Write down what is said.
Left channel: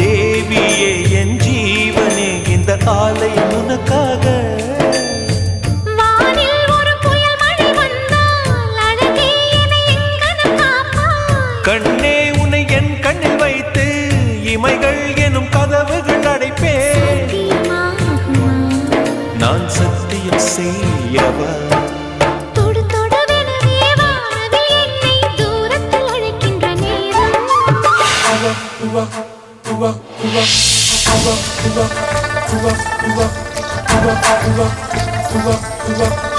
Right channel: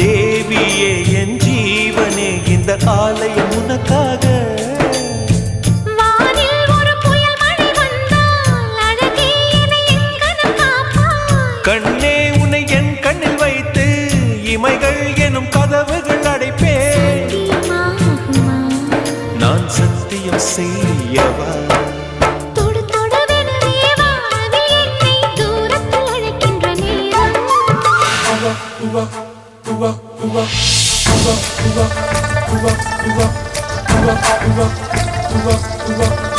தேவியே என் ஜீவனே இந்த ஆலயம் உனக்காக கண்ணே உன்னை என் கண்ணில் வைத்து இமைகள் எனும் கதவுகள் அடைப்பே நான் சத்தியம் செய்யவா உவா 우와 우와 우와 우와 우와 우와 우와 우와